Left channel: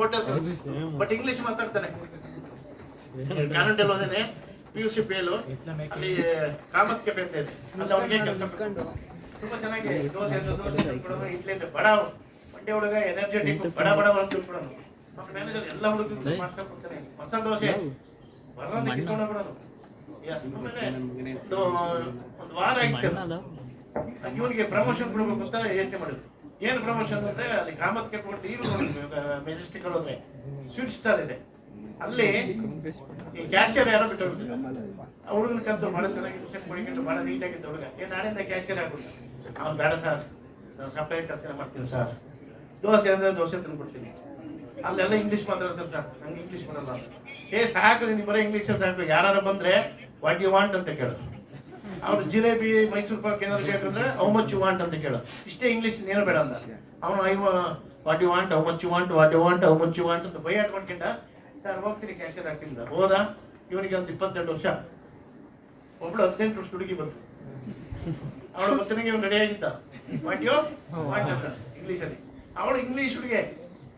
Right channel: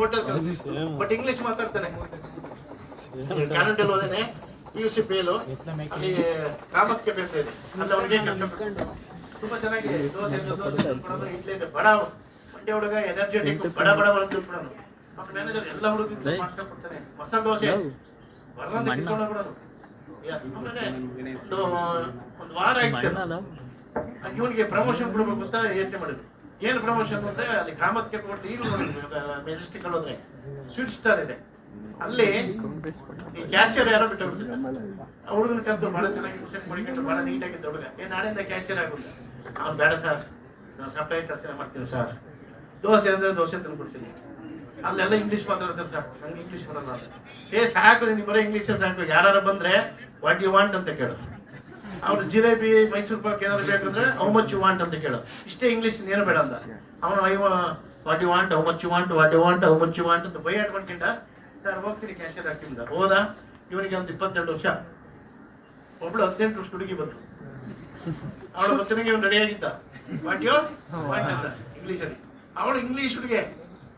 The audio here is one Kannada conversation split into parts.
ಹೋಟೆಲ್ ಬಟ್ ಇಂಗ್ಲಿಷ್ ಮಾತಾಡ್ತಾನೆ. ಕಾನಡದಲ್ಲಿ ಹೋದೇನೆ PUC ಫೇಲು, ಅಲ್ಲಿ ಕಾಮತ್ ಕೆಫೆ ಅಂತ ಇದೆ, ಅಲ್ಲಿ ಅವ್ರಿಗೆ ಕೆಲಸ ತುಂಬಾ ಚೆನ್ನಾಗಿ ದೋಸೆ ತಂದ್ಕೊಡೋನು, ಇಡ್ಲಿ ಅಂದ್ರೆ ಬಡ ಮಂಡ್ಯ ಹುಡುಗ ಎನರ್ಜೆಟಿಕ್ ಬಡ ಬಂದ್ಬಿಡೋನು. ಮ್ಯಾನೇಜರ್ ಎಲ್ಲ ಹುಡುಗ ಮಾಡ್ಕೊಡ್ತಾನೆ. ಮಸಾಲೆ ದೋಸೆ ಬರೋದು ಒಂದು ವಾರ ಆಯ್ತು. ಇವನಿಗೆ ಪ್ರಮೋಷನ್ ಕೊಡ್ಬೇಕು ಅಂತ ಯೋಚನೆ ಮಾಡಿದ್ರು. ಏನು ಪ್ರಮೋಷನ್ ಅಂದ್ರೆ ಅಲ್ಲಿ ಕಾಮತ್ ಕೆಫೆ ಕೊಟ್ಟು ಈಗ ಮೆಜೆಸ್ಟಿಕ್ ಅಲ್ಲಿ ಹೋದ್ರೆ ಸ್ವೀಟ್ ಸ್ಟಾಲ್ ಇದೆ, ಅಲ್ಲಿ ಈ ಕ್ಯಾಶಿಯರ್ ಯಾರೋ ಬಿಟ್ಟು ಆ ಹುಡುಗನ ಕರೆದು ಬಹಳ ಚೆನ್ನಾಗಿ ಕುಡಿಕೊಂಡು ಬಹಳ ನೀಟಾಗಿದ್ದ ಹುಡುಗ, ನಾಳೆಯಿಂದ ಕ್ಯಾಶಿಯರ್ ಆಗ್ಬಿಟ್ಟು ಅವ್ನು ಬೇಡ ಸರ್, ನಾವು ಸಪ್ಲೈ ಕೆಲಸ ಮಾಡ್ತೀನಿ ಸರ್, ದೋಸೆ ಅಂದ್ರೆ ದೋಸೆ ತಂದು ಕೊಡ್ತೀನಿ, ಅಲ್ಲೆಲ್ಲ ಇಂಗ್ಲೀಷ್ ಮಾತಾಡ್ತಾರೆ ಸರ್, ನಮ್ಗೆ ಇಂಗ್ಲೀಷ್ ಬರಲ್ಲ. ಸಾಕು ನಿನ್ಗೆ ಬರೋ ಇಂಗ್ಲೀಷ್ ಸಾಕು, ಯಾರು ಬಂದ್ರೆ ವಾಟ್ ಯು ವಾಂಟ್ ಅಂತ ಕೇಳು. ಅವ್ರು ಜಿಲೇಬಿ ಮೈಸೂರು ಪಾಕ್ ಏನಾದ್ರು ಬೇಕಂದ್ರೆ ಹೌ ಮಚ್ ಯು ವಾಂಟ್ ಅಂತ ಕೇಳು, ಇಷ್ಟೇ ಇಂಗ್ಲೀಷ್ ಏನು ಬೇಡ ಅಂತ. ಅವನು what you want, how much you want, what you want, how much you want ಅಂತ ಬೈಯಾಟ್ ಮಾಡ್ಕೊಂಡ ನಾನು ಹೋಗ್ತೀನಿ ಕ್ಯಾಶಿಯರ್ ಹಾಕಿಂದ ಹೋದ. ಇವನಿಗೆ ಒಂದು 22 ವರ್ಷ, ಒಬ್ಳು 18 ವರ್ಷ ಹುಡುಗಿ ಬಂತು. ಅವಳು ಗೊತ್ತಿನಾಗೆ ಇವನು ರೆಡಿಯಾಗಿದ್ದ, ವಾಟ್ ಯು ವಾಂಟ್ ಅಂತ ಇಂಗ್ಲೀಷಲ್ಲಿ. ಅವಳು ಇಂಗ್ಲೀಷ್ ಹುಡುಗಿ,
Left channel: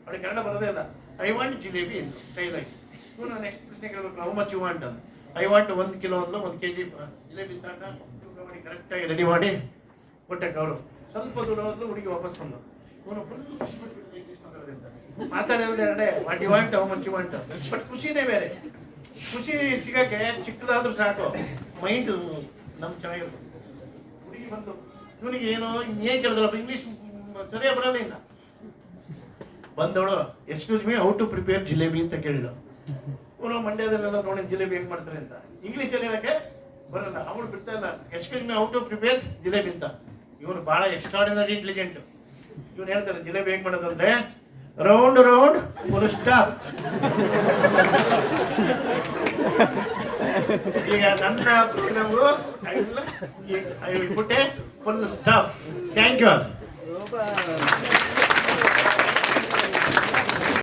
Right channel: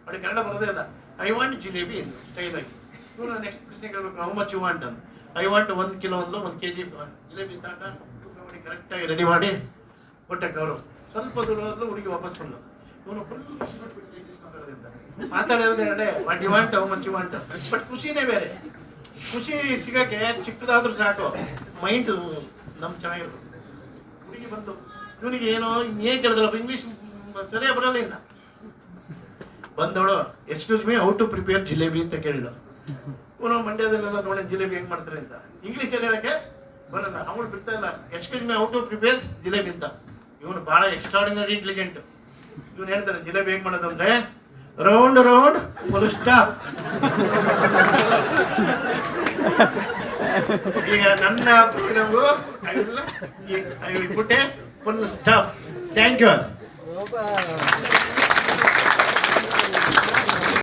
ಅವಳಿಗೆ ಕನ್ನಡ ಬರೋದೇ ಇಲ್ಲ. ಐ ವಾಂಟ್ ಜಿಲೇಬಿ ಕೈಲಾಗಿ. ಇವನು ನೆಕ್ಸ್ಟ್ ಪ್ರಶ್ನೆ ಕೇಳಬೇಕು, ಹೌ ಮಚ್ ಯು ವಾಂಟ್ ಅಂತ. ಐ ವಾಂಟ್ 1 ಕಿಲೋ ಅಂದ್ಲು, 1 kg ಜಿಲೇಬಿ ತಗೊಂಡ ತೂಕ ಮಾಡಿ ಕರೆಕ್ಟಾಗಿ ರೆಡಿ ಮಾಡಿ ಕೊಟ್ಟಕ್ಕೆ. ಅವರು ಸ್ವಲ್ಪ ದೂರದಲ್ಲೂ ಹುಡುಗಿ ವಾಪಸ್ ಬಂದು ಇವನು ಮಾತಾಡೋದೇ what you want, how much you want. But ಖುಷಿನೇ ಬೇರೆ. ಖುಷಿ ಸಿಗಕ್ಕೆ ಚಿಕ್ಕದಾದ್ರೂ ಸಾಕು, ಮೈಂಡ್ ನಮ್ ಚೆನ್ನಾಗಿರುತ್ತೆ. ಹುಡುಗಿ ಬಂದು ಇವನಿಗೆ ಏನೋ ಏನ್ ಕೇಳಿದ್ರಪ್ಪ, ಇಂಗ್ಲೀಷ್ ಸರಿಯಾಗಿ ಬರೋಲ್ಲ ಇಲ್ಲ. ಬಂದವಳು excuse me, how to prepare jalebi ಅಂತ ಕೇಳಿದ. ಇವನು ಮಂಡ್ಯದಲ್ಲೆಲ್ಲ ನೋಡಿ ಜಿಲೇಬಿ ಹೆಂಗ್ ಮಾಡ್ತಾರೆ ಅಂತ ಇಂಗ್ಲೀಷ್ ಹೇಳಕ್ಕೆ ಬರಲ್ಲ. ಅವಳು ಬಿಡ್ತಾ ಇಲ್ಲ, excuse me, how to prepare jalebi ಅಂತ. ಇವನು ಬಹಳ ಎಕ್ಸ್ಟ್ರಾರ್ಡಿನರಿ ಇಂಟೆಲಿಜೆಂಟ್. ಇವನು ಹೇಳ್ತಾರೆ ಜಿಲೇಬಿ ಹೆಂಗ್ ಮಾಡೋದಂದ್ರೆ ರೌಂಡ್ ರೌಂಡ್ ಫುಲ್ ಸ್ಟಾಪ್. ಈಗ ನನ್ನ ಪುಟ್ಟೆ ಫುಲ್ ಸ್ಟಾಪ್. Thank you.